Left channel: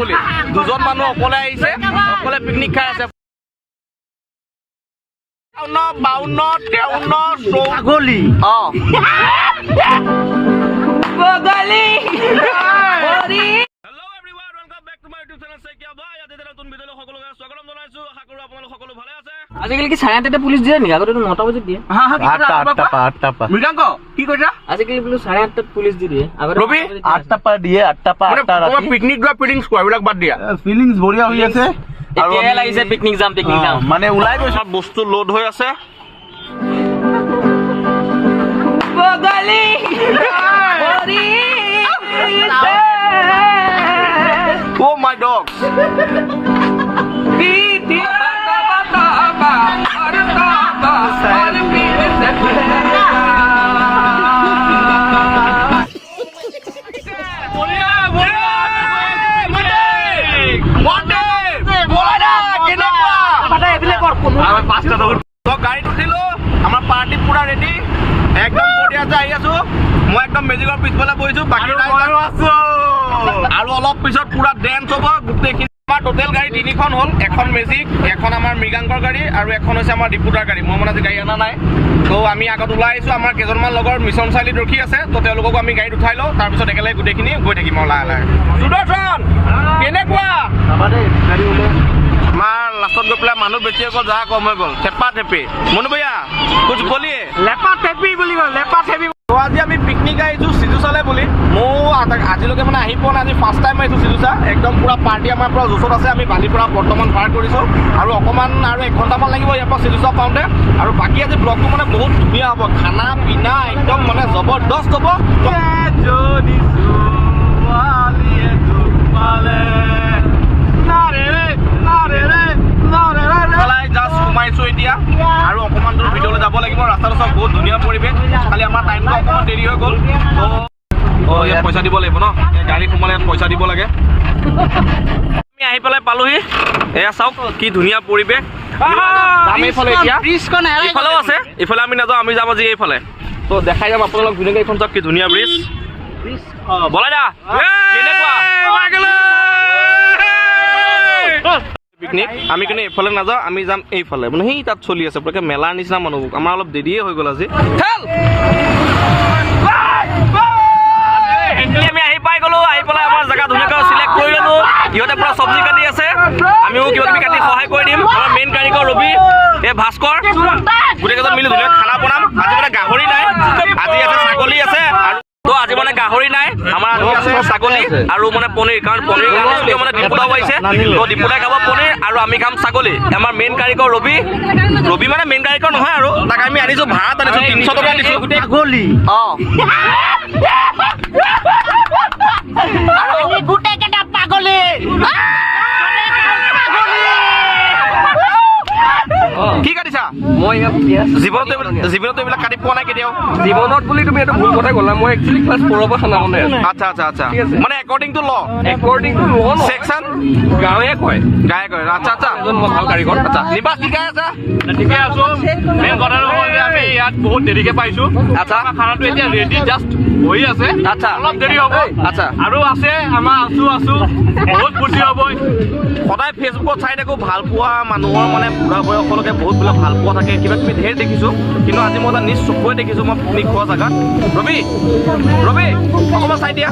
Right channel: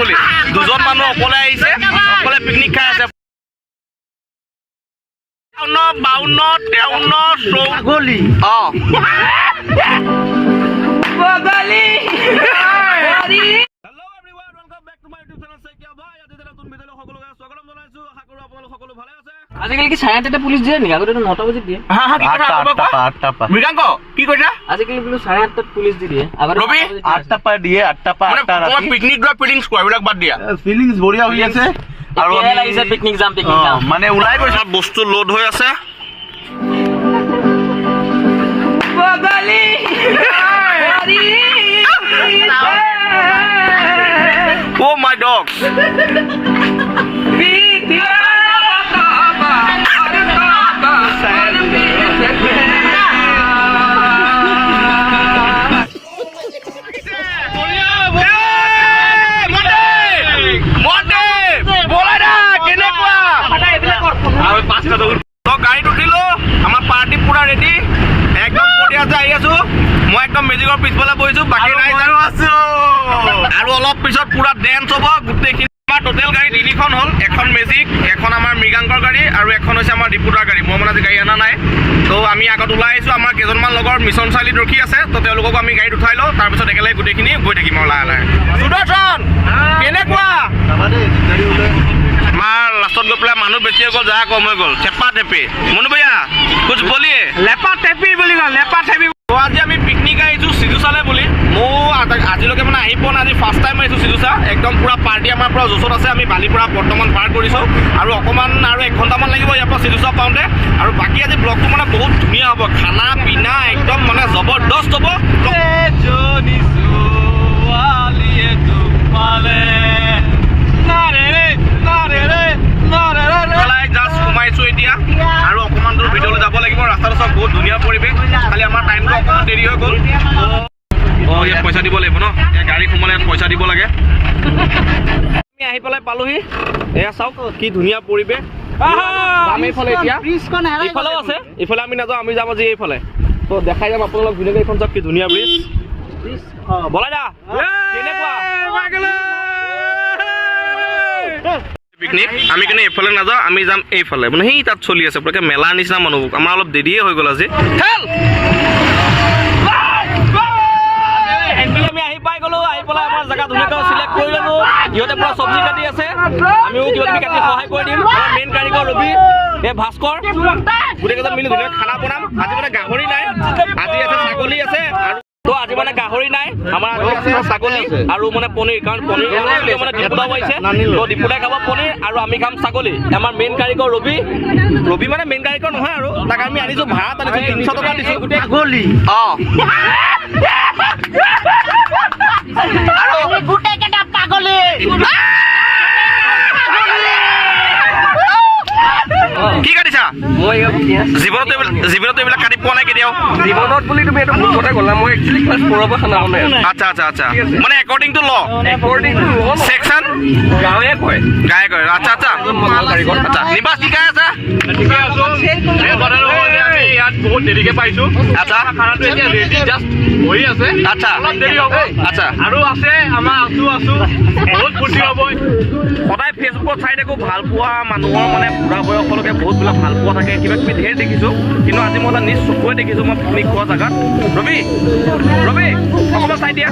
বুলি দুজন মানুহ অকলে আহিছে অকলে পিকনিক খাই আছে 52 আজিকালি কি 8:30 পুলিচ দিয়ে নেকি আগতে 9টা বজাত দিয়ে 8টা মৃগাংক কি কৈছা আজিকালি 8:30 পুলিচ দিয়ে আগতে ৰবি 8টা পা দিয়ে 8টা পা 8টা ৰাতি পিকনিক যোৱা ফিলিংছ কোৱা বিলাক বাদ দিয়া ফিলিংছ বঢ়িয়া হৈ আছে আৰু আমি লাগিছে পিকনিক যাম মানে ওলাই গৈছে বস্তু লোড হৈ আছে Oh my dog. গাড়ীত উঠিলো আমাৰ পাৰ্টি পুৰা ৰেডি একদম বঢ়িয়া যে আহি আছো মই একদম মেজিকৰ পিছফালে বহিছো বাকী আছো আৰু অলপ পিছত পুৰা ডেন্স হ'ব গোটেইখিনি আমাৰ টোটেল গাড়ী তিনিখন হ'ল এখন মেজিক এখন আমাৰ মৃগাংকৰ গাড়ী আৰু এখন হৈছে আমাৰ ৰিপোৰ্টাৰ গাড়ী মই মানে আজি গাড়ী অনা নাই তো আমি আগত ওলাই আহিছো আমাৰ কেইজনমান লগৰ মিছন চাৰিআলিত ৰখি আছে তো তেওঁলোকক আমি গাড়ীত উঠাই লওঁ তাৰপিছত একেলগে গোটেইখিনি গৈ থাকিম আৰু লাহে লাহে সুদৰ্শন কেনেকুৱা আমাৰ লাষ্টত গৈ পেলাই মানুহ বেছি হৈ গ'ল যা কম হৈ গ'ল চেপা টেপি মনু ভৈয়া কুছ বলিয়ে লেপা টেপি বুলি কয় লেপা টেপি আজি আমি পিকনিক আহিছোঁ সিজুচালে বুলি মই আজিলৈকে মানে আহি পোৱা নাই আজি ফাৰ্ষ্ট টাইম আহিছোঁ সিজুচা একদম পুৰা পাৰ্টি আমাৰ পৰা জোচত আছে আমি বালিৰ পৰা বৰ্তমান পাৰ কৰিছোঁ আৰু অকণমান আৰু 1 ঘণ্টামান লাগিব ইয়াৰ পৰা সিজুচা পাওঁতে আৰু বাকী আজি ব্লগটো মানে বহুত ধুনীয়া হ'ব খানা পিনা একদম মানে জবৰদস্ত হ'ব জাষ্ট সোমাইছোঁ এতিয়া আৰু অকণমান দূৰ ভিতৰলৈ যাব লাগিব ৰাস্তাটো চব বহুত ধুনীয়া পৰিৱেশ খালি আমাৰ টাইমটো অকণমান দেৰি হৈ গ'ল অঁ ইয়াত পইচা দিব লাগিব ন গাড়ী সোমালে ইয়াত পইচা দিব লাগে আমি আহি পেলাই পালোহি এয়া চাওক কি ধুনীয়া পৰিৱেশ যাম এইফালে এতিয়া এইফালেও আছে এইফালে আমি নাযাওঁ আমি যাম আজি এইফালে তো দেখাই যাম আপোনালোক ধুনীয়াকৈ এইখন চাওক কি ধুনীয়া ব্ৰিজ বলাই দা কেনেকুৱা পিকনিক আমি কিন্তু এইফালে নাযাওঁ আমি যাম এইফালে মানে সেই তাত চলি আছে পুৰাকৈ মেলাৰ নিচিনা মানুহ আমাৰ অলপ দেৰিয়ে হৈ গ'ল আজি আমি আহি পাই গ'লো আহি পেলাই আমাৰ জেগা ধুনীয়াকৈ চিলেক্ট কৰি ল'লো ইহঁতে পুৰা চব্জি কাটি আছে আমিও কিবা কিবি কাটি সহায় কৰি দিম আমাৰ মেইন কাৰিকৰ ৰবি এই ভাস্কৰ গোটেইকেইজন মিলি ধুনীয়াকৈ খানা বনাম আজি মানে গাহৰি নাই আজি আছে ছাগলী আছে আৰু তো আজি মানে গাহৰি নাই আমাৰ আছে ছাগলী আৰু মানে পনীৰ কাৰণ পনীৰ কাৰণে মানে ডিপুদাও আহিছে তো ডিপুদাই খাব পনীৰ আৰু আমি খাম ছাগলী আমাৰ মেইন কাৰিকৰ ৰবি মানে মেইন কাৰিকৰ নহয় আৰু তাক আমি আনিছোঁ ভাড়াত আনিছোঁ 300 টকা দিছোঁ ছাগলী অঁ গোটেইকেইটা পাগলী কি কাটিছা মই জীৱনত এইবিলাক কাটি পোৱা নাই কেতিয়াও জীৱনত বুলি তুমি এইটো ভুল কথা ক'লা মই একচুৱেলি ক্লাছ 4 পৰা খানা বনাই আচ্ছা আচ্ছা আচ্ছা মানে একৰ্ডিং টু ল সেকশ্যন গাঁৱে কয় আচ্ছা আচ্ছা আচ্ছা নিবাস কি গাই আছে আমি ইয়াত বহুত দেৰিকে পাইছোঁ আচ্ছা খানাটো এতিয়া ৰেডি জাষ্ট হৈ আছে আচ্ছা অলপ দেৰি হ'ব আচ্ছা আৰু আছে আমাৰ আছো বহুত ফূৰ্তি হ'ব সদায় ফেচবুকত চাই থাকোঁ ভাল পোৱা মানুহৰ মানে বুঢ়া বয়সলৈকে বহুত বিলাক ভাল পোৱা থাকে কিবা কিবি ধেৰ দেখিছোঁ কিন্তু আজি মই নিজ চকুৱে দেখিছোঁ মই পিকনিক খোৱা জেগাত ৰবি অকণমান চাই দিয়া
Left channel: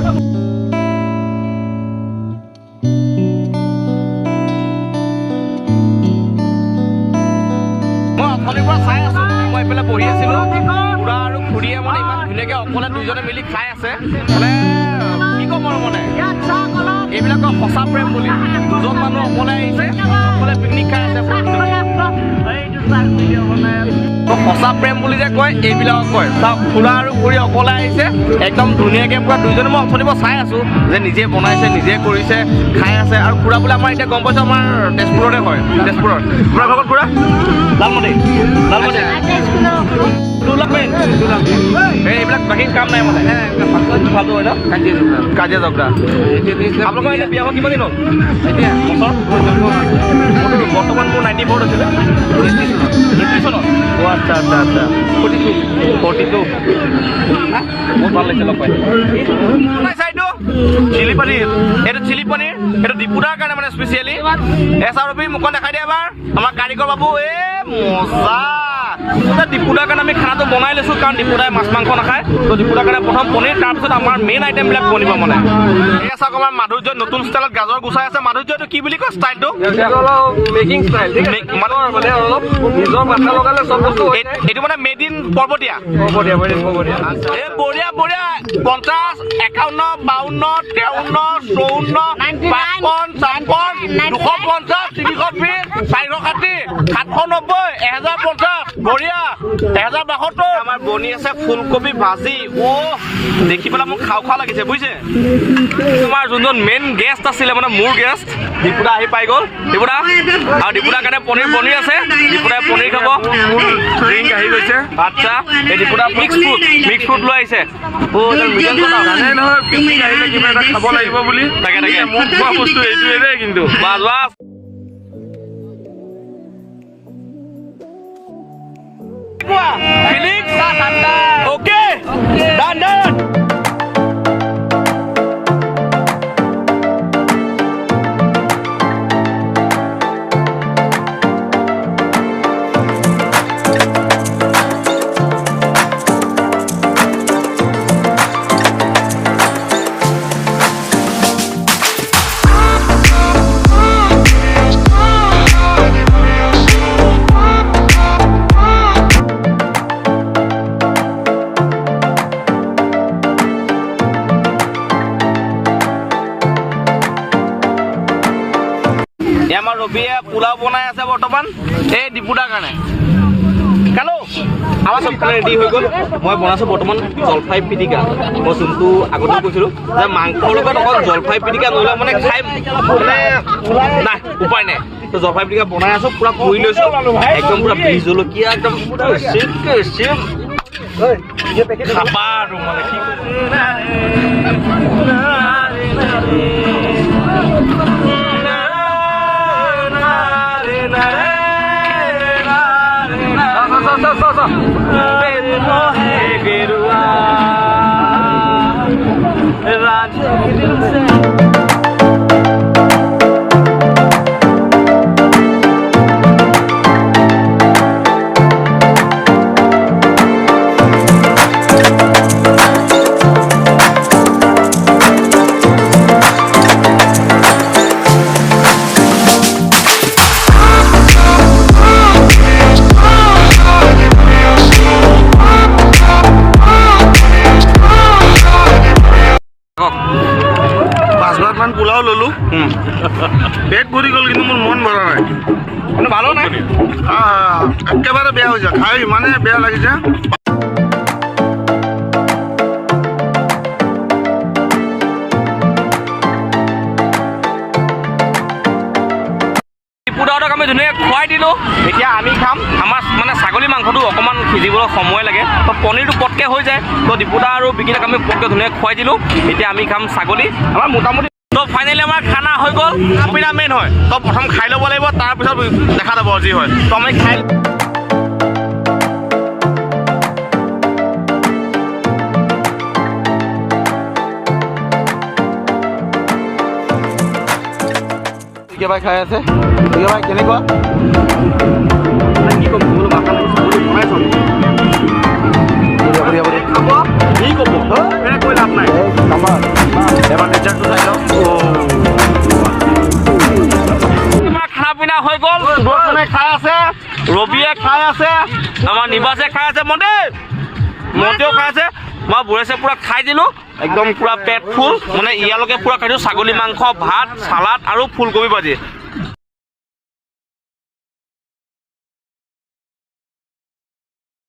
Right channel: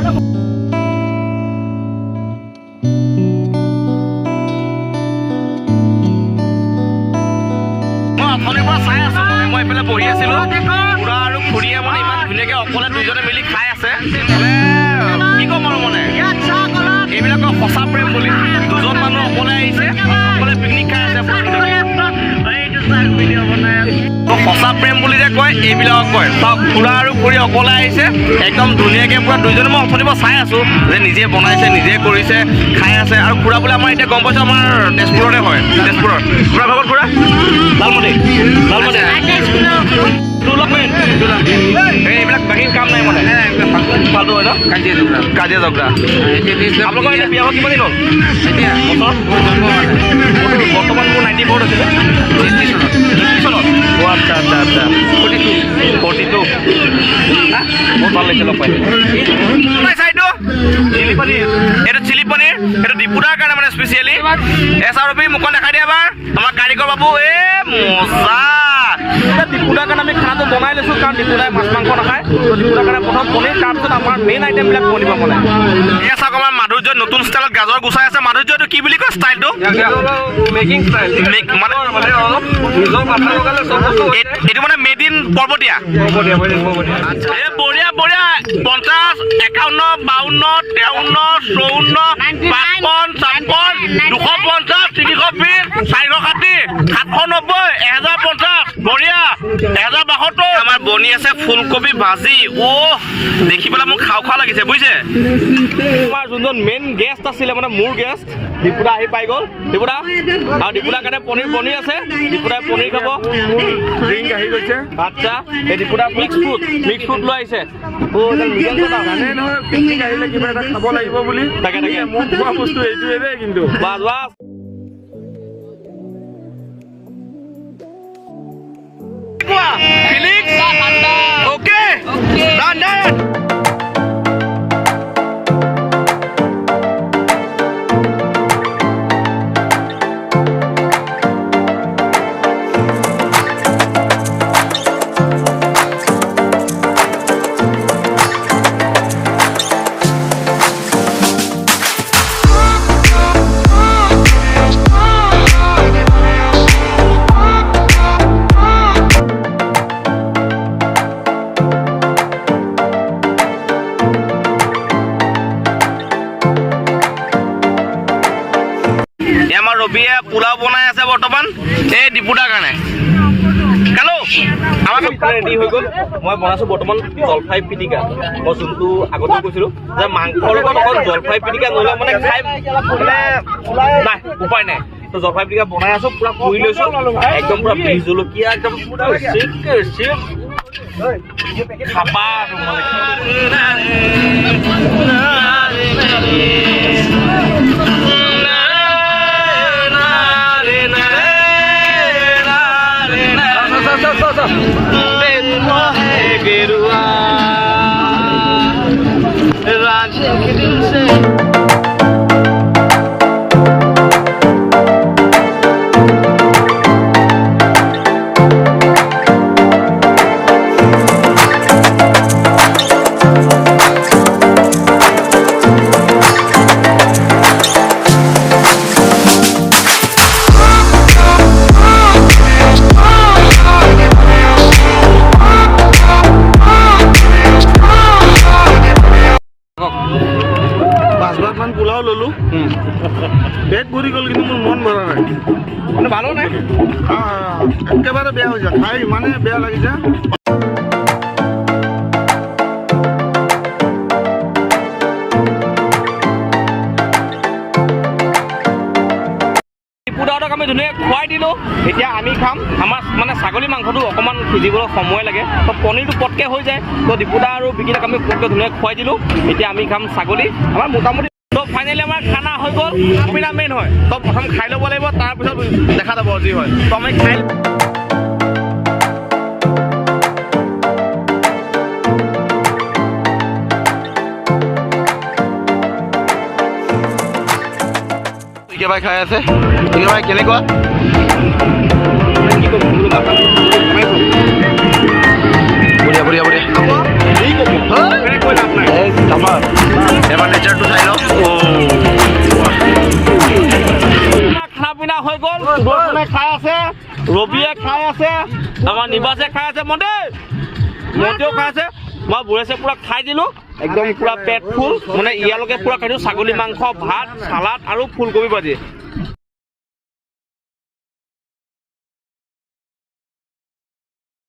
মই অথনিৰ পৰা চাই আছোঁ মই এইফালে বহি আছিলোঁ খুৰা আৰু খুৰীয়ে মানে ইমান ধুনীয়াকৈ অকলে দুইজনে মিলি খাই আছে মানে কি ক'ম আৰু মানে এইবিলাকৰ সঁচা প্ৰেম বুলি দুজন মানুহ অকলে আহিছে অকলে পিকনিক খাই আছে সঁচা প্ৰেম বুলি যে কয় এইবিলাকক কয় চাওক খুৰা আৰু খুৰী অকলে আহিছে একদম ধুনীয়াকৈ পুৰা দুইজনে মই অথনিৰ পৰা চাই আছোঁ যে নিজে বনাইছে নিজে কৰিছে খাই আছে আৰু খুৰা বোলে আমাৰ এতিয়া গম পাইছোঁ আমাৰ তেজপুৰতে হয় তেজপুৰত খুৰা ভাগত খুৰা লালমতি এইবিলাক বাকী কাম নাই মানে ফাল্টু হয় ন কাজিয়া জগৰা আপোনালোকৰ এতিয়া বিয়া হোৱা কিমান দিন হ'ল এতিয়া বছৰ জন্ম হোৱা নাই বৰ্তমান মোৰ 94 হৈছিলে 80 চনত আচ্ছা আচ্ছা আচ্ছা 42 হা বহুত ভাল লাগিছে লগ পাই এইটো চিলি পনীৰ এইটো চিলি পনীৰ এইটো ডিপুদাৰ কাৰণে মানে স্পেচিয়েলি এছআৰপি মুখন দেখাই দিয়া এবাৰ আমাৰ কাৰিকৰ বাবু মজা ডিপুদাৰ কাৰণে আমি খানাটো বনাই লৈছোঁ কাৰণ ডিপুদাই মাছ মাংস নাখায় তো ডিপুদাৰ কাৰণে প্ৰথম পনীৰ তাৰপিছত আমাৰ মেইন আইটেমবিলাক বনিব মানে এয়া চাওক আমাৰ মাধুৰ্য নতুন ষ্টাইলত গাজৰ গুচাই আছে মাধুৰ্যটো কি বুলি কয় ষ্টাইলটো মেকিং ষ্টাইল মানে অলপ নিজৰ মাথা লগালে চব বস্তু এইটো মানে মেড ইন পৰ্বতীয়া এই বঢ়িয়া বঢ়িয়া 50 51 52 53 54 55 56 250 320 460 790 1050 বঢ়িয়া 1072 আমাৰ বনি আছে ফুলকবি ভাজি দেখি পেলাই মোক খাও লাগিছে বুজিছে তোমাৰ যোনজন মেইন গেষ্ট আছিলে মানে মোৰ গেষ্ট ডিপুদা আহি পাই গ'ল ডিপুদা আৰু ডিপুদাৰ কাৰণে পনীৰ বনি আছে ডিপুদাই পনীৰ খাব ড্ৰিংক আহি গৈছে আচ্ছা এই ডিপুদা মিক্স ফ্ৰুট লৈ আহিছে জানে নহয় পিকনিক আহিলে কিবা এটা খাব লাগিব বুলি তাকে মোক খোৱা বস্তু এইটোৱে দেই কিন্তু bus bus Felix, okay, done. আমাৰ ৰবিয়ে পোলাও বনাই আছে বৰ্তমান এই ডিপুদাৰ কাৰণে কালো আমাৰ চবফালে ৰেডি হৈ গ'ল মই বনাইছোঁ বৰ্তমান জলফাই পিটিকা মই যোনটো আগতে কৈছিলোঁ যে মাংসৰ লগত অকল জলফাই পিটিকা নহ'লে মানে খাই মানে নাই উপায় নাই তো জলফাই পিটিকা বনাই আছোঁ পূৰা পুৰি লৈছোঁ একদম পূৰা বিহ জলকীয়া একদম খাবা আৰু মানে गेरुआ राजे के दिल से পাঁচবাৰমান পোলাও ল'লোঁ পেট ভৰি গ'ল কিন্তু মোৰ মন ভৰা নাই মানে ভালো নাই একেবাৰে বেয়া হৈছে খাই ইমানে বেয়া লাগিছে ডিপুদাহঁতক আমি ধুনীয়াকৈ খুৱাই দিলোঁ এতিয়া আমি খাম আমাৰ মানে ছাগলী মাংসটো অকণমান সিজিবলৈ সময় লাগে তো পনীৰটো পটকৈ হৈ যায় তো ডিপুদা আৰু বিকিদাক আমি পটকৈ ধুনীয়াকৈ খুৱাই দিলোঁ এতিয়া আমি খাম ছাগলী আমাৰ মোটামুটি তো ফাইনেলি আমাৰ খানা হৈ গ'ল খানা মেইন হয় তো প্ৰথম খাই ল'ব লাগিব তাৰপিছত দেখা যাব যি হয় তো আমি খাই ভাই খাই আছে ভাই কেনেকুৱা বঢ়িয়া বঢ়িয়া বঢ়িয়া এবাৰ নেচাৰটো চাই লওঁ খানা পিনা হৈ গ'ল সুদৰ্শনে খাই আছে ৰবিয়ে খাই আছে আমাৰ নিবাসে খাই আছে মন্তেও খাই আছে মই বুঢ়েছে পূৰা খাই দিলোঁ একদম পূৰা পেট ফুল মানে ইয়ালৈকে পূৰা খাইছোঁ ছাগলী মাংস ভাত চালাড আৰু ফুলকবি ভাজি